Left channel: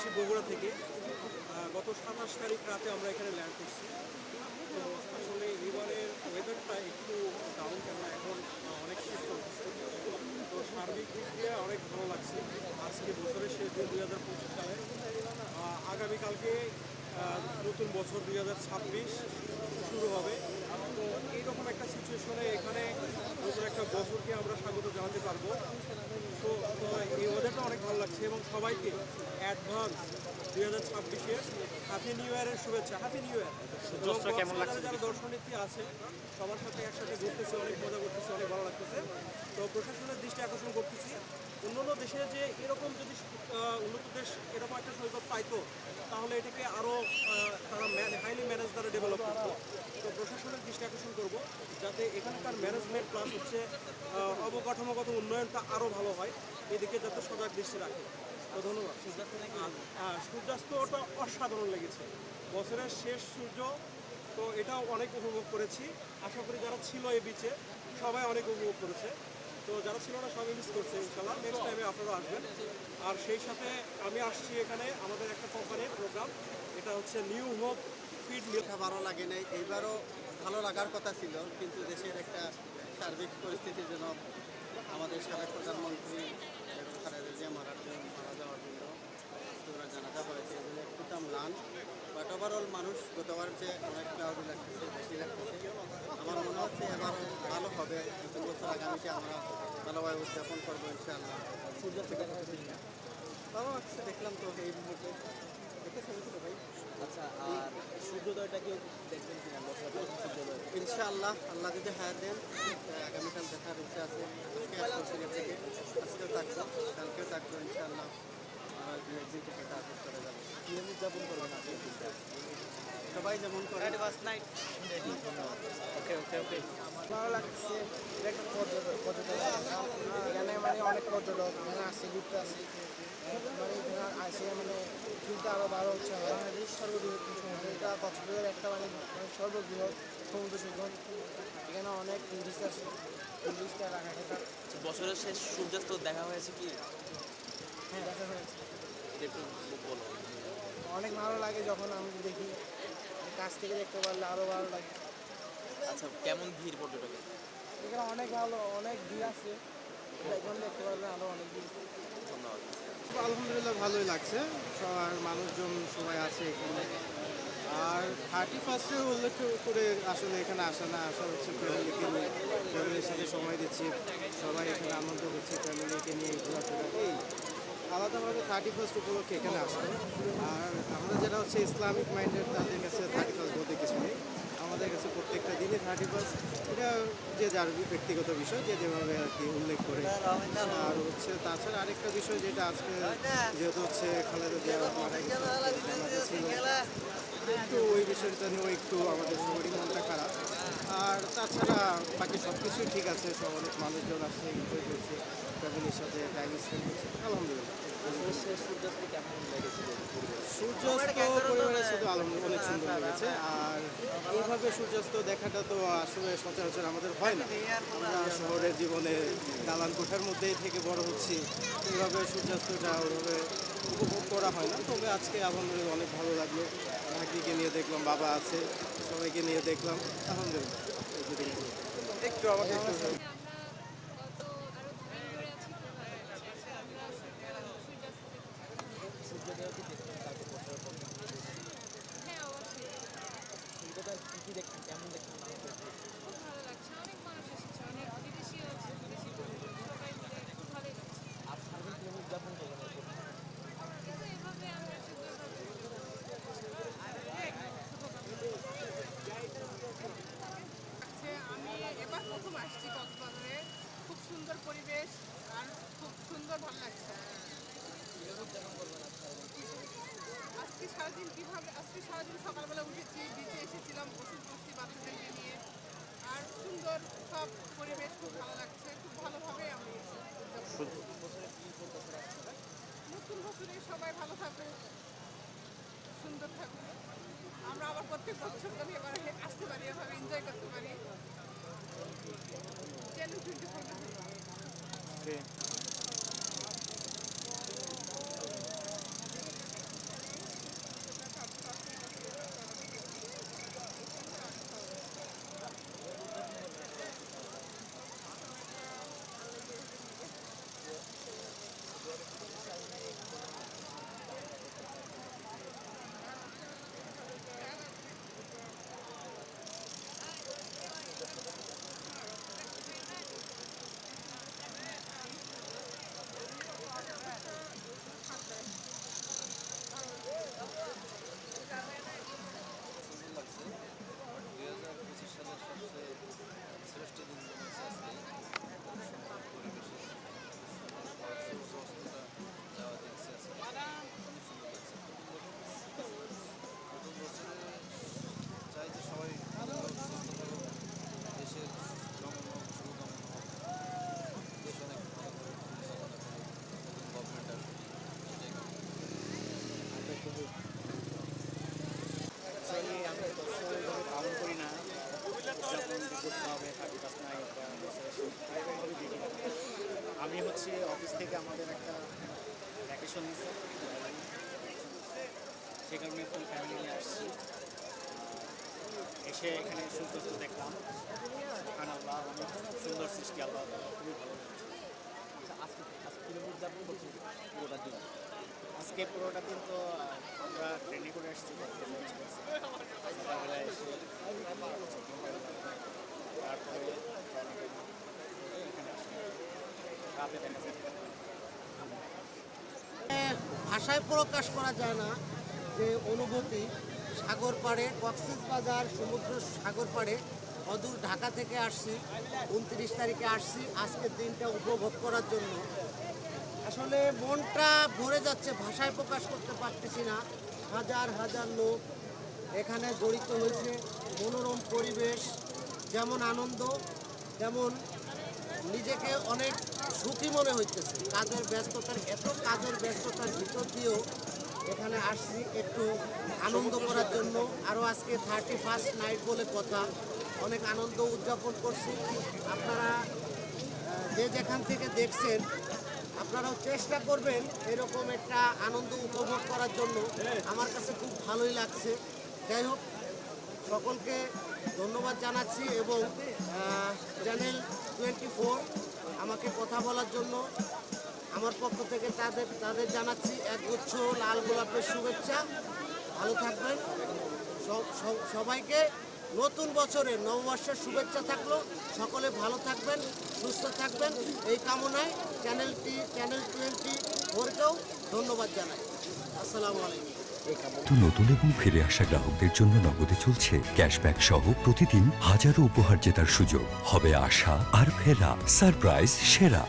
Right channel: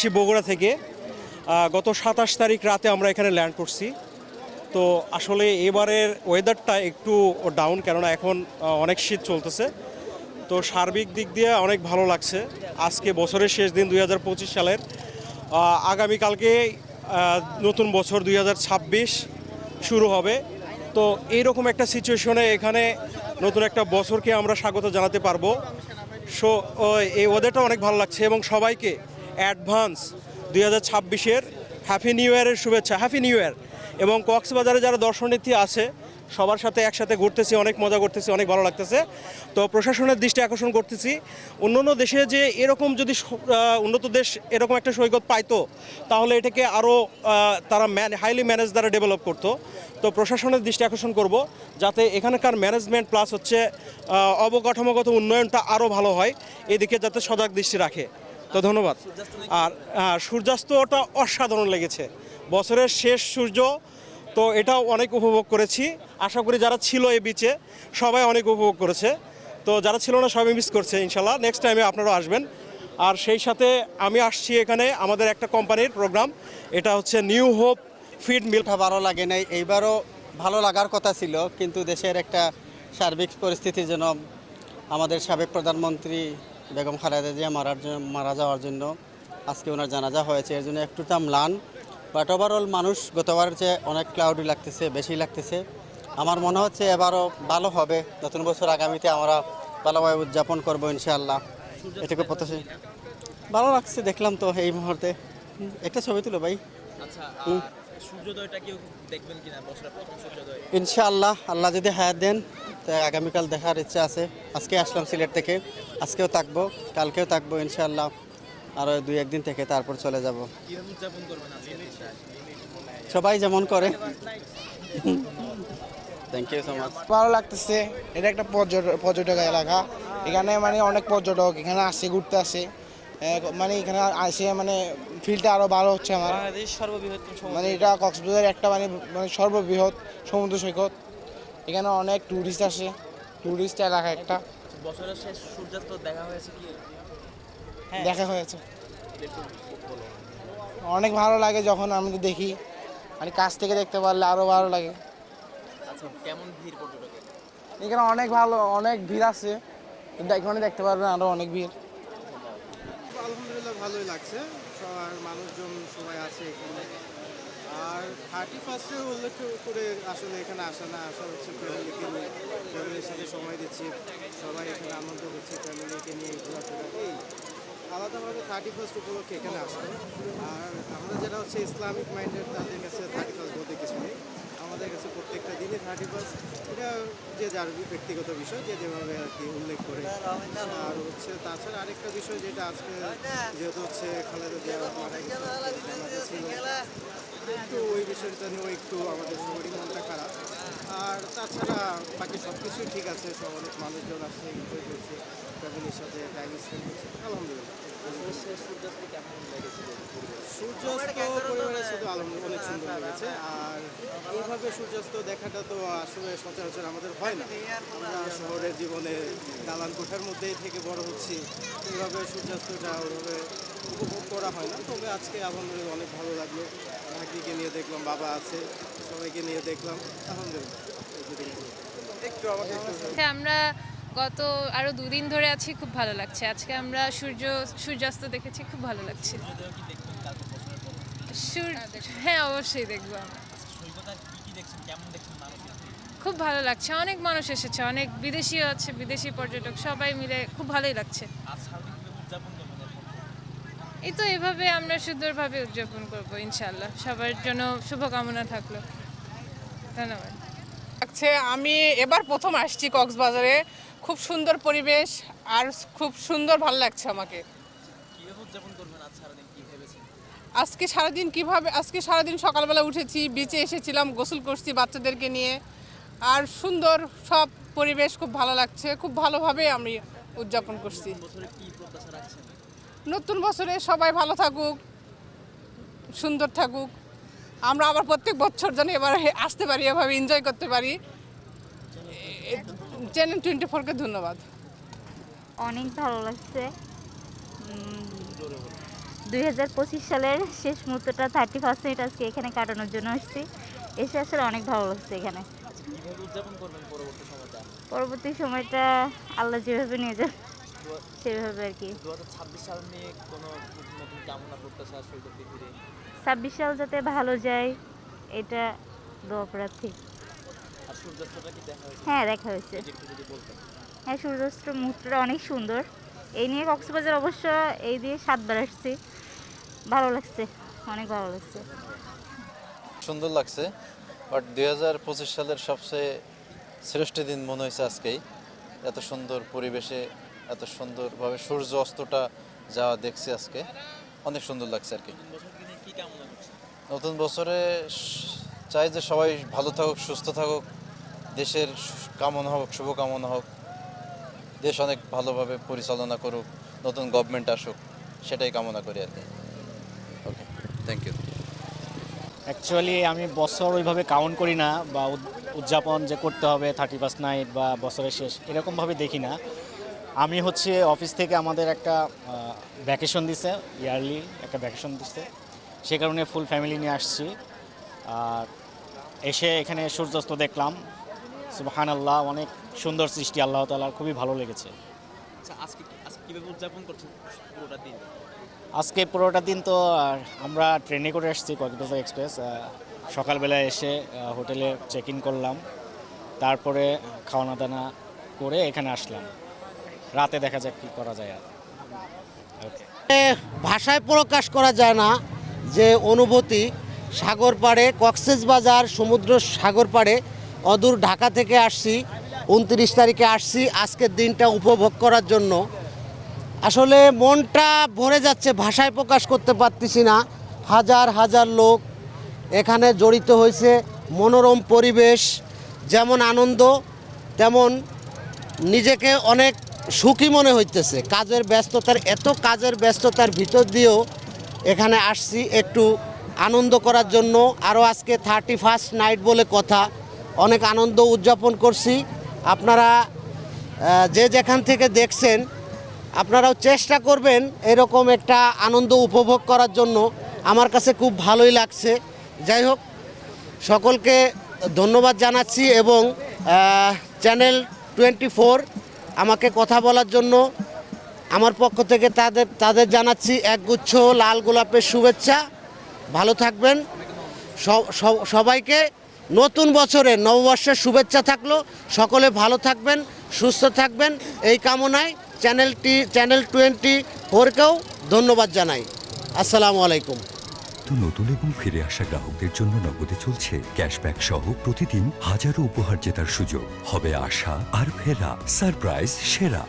আসছি বগুড়া থেকে। গত 27 তারিখ রাতে আমরা এখানে ল্যান্ড করছি। তো আসলে এবারের ওয়েদারটা একটু ডাউন, কেননা এখন অনেক শীত চলতেছে। তো সার্বিক দিক দিয়ে অনেক ভালো লাগছে। আজকে বছরের শেষ দিন 2025 সালের, আগামীকালকে নতুন বছর 2026 শুরু হবে। তো এইরকম একটা সিচুয়েশনে এখানে নতুন একটা বছরকে আমরা স্বাগত জানাতে পারবো। সো এই ওয়েদারটা অনেক ভালো লাগছে এবং সবাইকে অ্যাডভান্স 2026-এর হ্যাপি নিউ ইয়ারের শুভেচ্ছা, হ্যাপি নিউ ইয়ার। এবং কক্সবাজারে যারা দর্শনার্থী আছে সবার সাথে একসাথে ঘুরতেছি, অনেক মজা করতেছি, অনেক ভালো লাগতেছে। তো প্রশাসনের দৃষ্টি আকর্ষণ করতেছি, অন্যান্য দেশে যে এরকম যদি উন্নত দেশ এরকম একটা সৈকত পাইতো তাহলে এটাকে আরও তারা হাইলি ম্যানেজ দ্বারা ডেভেলপ করতো। তো প্রশাসনের দৃষ্টি আকর্ষণ করব যাতে এখানকার ম্যানেজমেন্ট প্লাস হচ্ছে অবকাঠামোগত উন্নয়নটা আরও ভালো হয়, এদিকে যাতে সজাগ দৃষ্টি রাখে। তো ধন্যবাদ। আর সূর্যাস্তটা অসাধারণ লেগেছে, বছরের শেষ সূর্য। তো এটাও অনেক উপভোগ করেছি। আশা করি যারা ছিল এই বিচে সবাই অনেক উপভোগ করেছে। তো যারা ছিল না সবাই মিস করছে। ইনশাল্লাহ নেক্সট টাইমে আপনারাও আসবেন। আর সেই সাথে আমি আসছি এখানে আমাদের একটা কোম্পানির প্রোগ্রাম, এটা হচ্ছে নিউ হোপ ফিড মিল। ভালো লাগে নাই, এইবারও ভালো লাগার কথা ছিল, কিন্তু দেশের একটা সার্বিক পরিস্থিতির জন্য আমাদের সাবেক প্রধানমন্ত্রী বেগম খালেদা জিয়া মারা যাওয়ার জন্য আজকে ওনার জানাজা হয়েছে, এর জন্য একটু ম্লান। বাট ওভারঅল মানুষ গতবারের চেয়ে অনেক ক্লাউডি লাগতেছে, বেশি লাগতেছে। আমার মনে হচ্ছে এবারও ভালো হবে, নতুন বছর আগামীতে আমরা ভালোভাবে উদযাপন করবো ইনশাআল্লাহ। এটুকু প্রত্যাশা। ভালো লাগছে, দেখলাম তো এই মুহূর্তে। একটা ছবি তুলো ভাই। ইনশাআল্লাহ আল্লাহ যদি হায়াত দেন তাই আগামীকাল দেখার ইচ্ছা আছে। আজকে আসলাম সিলেট থেকে, আজকেও থাকবো, কালকেও থাকবো ইনশাআল্লাহ। আরও 2-1 দিন থেকে তারপর চলে যাব। সবাই যেমন করে। Thank you so much. ভালো লাগতেছে। এটা একটা পর্যটক এলাকা, এখানে মানে অনেক পর্যটক এখানে আসে, ঘুরতে আসে। মানে এখানে আসে মানে ফিলটা আরও ভালো হচ্ছে আমার। মানে এটা কক্সবাজার একটা মানে মানে সর্ববৃহৎ সমুদ্র সৈকত। এখানে অনেক টুরিস্ট আসে, টুরিস্ট এলাকা একটা। বছরের শেষ সূর্যাস্ত দেখা হয়েছে কি? দেখা হয়েছে, অনেক ভালো লাগে যখন আমি দেখি, মানে কাছ থেকে দেখতে পারলে আরও ভালো লাগে। কেমন ভিড় পর্যটক? এখানে অনেক ভালো, অনেক ভিড় আছে, কিন্তু এখানে দেখতে পারবেন আরও অনেক ভিড়। আলহামদুলিল্লাহ ভালোই লাগছে, সবার মানুষজন সবাই আছে এখানে। আর 31-এ উল্লেখ করে আসলে এখানে আসা না, আসা হচ্ছে ফ্যামিলিকে নিয়ে, ফ্যামিলির সাথে সময় দিচ্ছি, সবাই এখানে আনন্দ করছে, ফ্যামিলিকে নিয়ে ঘোরাফেরা। এই আলাদাভাবে 31 উপলক্ষে এখানে আসে। আর আমরা যারা হচ্ছে ইসলামিক মাইন্ডেড তাদের কাছে 31 বলতে কিছু নেই, আমাদের কাছে প্রত্যেকটা দিনে 31। এটা যে যার ব্যক্তিগত বিষয়, যে যেভাবে আর কি উল্লেখ করে। আর হচ্ছে তাছাড়া আরেকটা বিষয় যেটা আজকে যেহেতু হচ্ছে খালেদা জিয়া মারা গেছে ছিল, একটু ওই বিষয়টা নিয়েও একটু আমাদের সবারই মনটা খারাপ। আর তাছাড়া বাকি সব কিছুই ঠিক আছে, সব অনেক মানুষজন আসছে, এনজয় করছে, ফ্যামিলির সাথে টাইম স্পেন্ড করছে, আলহামদুলিল্লাহ। সূর্যাস্ত কেমন লেগেছিল? সূর্যাস্ত পরিবারের সাথে আলহামদুলিল্লাহ অনেক সুন্দর লেগেছে। আর এইভাবে সূর্যাস্ত দেখাটা তো আসলে সচরাচর আমাদের হয় না। আমরা শহরের জীবনে দালান কোঠার মধ্যেই থেকে বড় হচ্ছি, এইভাবে সূর্যাস্তটা ওইভাবে উপভোগ করা হয় না। তবে আজকে আলহামদুলিল্লাহ অনেক ভালো লাগলো, ভাগ্নিকে নিয়ে দেখলাম, বাবা আছে, সবাইকে নিয়ে দেখলাম, আলহামদুলিল্লাহ। একটু আমাকে হ্যাঁ, আমরা গত আরো 2 দিন ধরে আছি, খুব ভালো লাগছে। আজকে আমরা সূর্যাস্ত দেখেছি, খুব ভালো লাগছে। হ্যাঁ, অবশ্যই দেখবো। খুব ভালো লাগছে, অনেক মানুষ এসেছে, অনেক বিদেশিও আছে, বিদেশি পর্যটক, সবাই মিলে খুব ভালোই লাগছে। এই তো এভাবে আমরা সুন্দরভাবে উদযাপন করবো ইনশাল্লাহ। সবার জন্য শুভকামনা থাকলো। ধন্যবাদ। আমি এবার প্রথম আসছি কক্সবাজারে, খুব সুন্দর পরিবেশ আর খুব সুন্দর ভালো লাগছে আমাকে। আজকে সারাদিন সকালবেলা উঠেছি, বিচে এসেছিলাম, গোসল করছি বাচ্চাদেরকে নিয়ে, আর সুন্দর সব পরিবেশ খুব ভালো লাগছে, খুব ভালোভাবে আমি উদযাপন করছি। নতুন বছরে সবাই ভালো থাকুক, সুন্দর থাকুক, আমরা আবার প্রত্যেক বছর যেন এবার আসতে পারি, এভাবে এনজয় করতে পারি। চ্যানেল 24-কে ধন্যবাদ। অনেক ভালো লাগছে, 2025 সালের শেষ মুহূর্তটা 31st নাইট আজকে এখানে কাটানোর জন্য এসেছি। এসে আসলে অনেক ভালো লাগছে এখানে। কিভাবে উদযাপন করবেন পরবর্তী সময়টা? পরবর্তী সময়টা আল্লাহ যেভাবে নিয়ে যান সেভাবে আর কি। 2026 সাল নিয়ে কোনো নতুন কামনা করতেছেন আজকে উপস্থিত ঘিরে? 26 সাল যাতে ভালো যায় এটা দোয়া করা ঠিক। আর সূর্যাস্তটা কি দেখা হয়েছে? হ্যাঁ, দেখা হয়েছে। একটু যদি বলতেন। হ্যাঁ, সূর্যাস্ত মুহূর্তটা অনেক সুন্দর। এই নিয়ে কক্সবাজার অবশ্য এই দিয়ে 7 বার আসছি। ভালো লাগছে, অনেক ভালো লাগছে। সুন্দর লাগছে, বাট 2025 সালের সবচেয়ে শ্রেষ্ঠ দিন মনে হয়েছে আজকেই। এত সুন্দর পরিবেশে এত সুন্দরভাবে সূর্য অস্তটা যাওয়া দেখছি আজকে, অনেক সুন্দর লাগছে আর কি। নতুন বছরে চাই যে সবাই ভালো থাকুক, সুস্থ থাকুক, দেশের কামনা হোক, শুভকামনা হোক, দেশ অনেক ভালোভাবে পরিচালনা করুক, নতুন গভর্নমেন্ট আসুক, সেটাই কামনা করি আর কি। ওকে, থ্যাংক ইউ। অ্যাকচুয়ালি আমি বছর ওইভাবে কাউন্ট করি না, বা উদযাপন যে করতে হবে 31st নাইট বা বছরের শেষ এরকমভাবে দেখি না। আমি হচ্ছে অফিস থেকে আমাদের একটা ভ্যাকেশন দিছে, ইয়ারলি একটা ভ্যাকেশন দিচ্ছে, সে কারণে ফুল ফ্যামিলি নিয়ে আসছি। আর এসে এখানে সূর্যাস্ত দেখলাম, সুবহানাল্লাহ, অনেক সুন্দর সৃষ্টি আল্লাহ তাআলার, খুবই ভালো লেগেছে। আচ্ছা, আজকে কিভাবে উদযাপন করছেন পুরোটা দিন? আজকে পুরোটা দিন তো আমরা ট্রেনে করে আসছি, কক্সবাজার এক্সপ্রেস। সকালবেলা এসে হোটেলে চেক ইন করলাম, তারপরে খাওয়ানা দানা করে এখানে আসলাম। রাতে দেখা যাক কী করা যায় আর। ভাষায় প্রকাশ করা যায় না যে অনুভূতি। সাগর পাড়ে, কক্সবাজার সমুদ্র সাগর পাড়ে, অদূর ঢাকা থেকে আসছি, 29 তারিখে আসছি আজকের দিনটা উপভোগ করার জন্য। আসলে মনটা ভরে যাচ্ছে, ভাষায় প্রকাশ করতে পারতেছি না। হাজার হাজার লোক এখানে জড়িত হয়েছে, মনোরম পরিবেশ, যেমন আনন্দ তেমন নিজেকে অনেক সুখী মনে হইতেছে। কাজের ব্যস্ততার ভিতর দিয়েও এখানে আসছি একটু আনন্দ করার জন্য। আরও আজকে 31st নাইট বলে কথা, অনেক আনন্দ উদযাপন করছি। আপনারা যে যেখান থেকে দেখছেন আপনারাও চেষ্টা করবেন এরকম একটা আনন্দ উপভোগ করার জন্য। আমার কাছে খুব ভালোই লাগছে। যাই হোক, সকলকে ধন্যবাদ জানাচ্ছি এবং চ্যানেল 24 আমাকে কথা বলার জন্য আমার পক্ষ থেকে তাদের জানাচ্ছি একগুচ্ছ লাল গোলাপের শুভেচ্ছা। ভালো থাকবেন সবাইকে। নতুন বছরে নববর্ষের শুভেচ্ছা থাকলো। সকলে ভালো থাকবেন, সুস্থ থাকবেন এই কামনায় চ্যানেল 24কেও ধন্যবাদ জানাই। আসসালামু আলাইকুম। নতুন এবং ফিরে আসা গ্রাহকদের জন্য নগদে চলছে ক্যাশব্যাক সহ প্রতিদিন হাজারো উপহার জেতার সুযোগ। হবে আশা আর ফেরা, সারপ্রাইজ সেরা।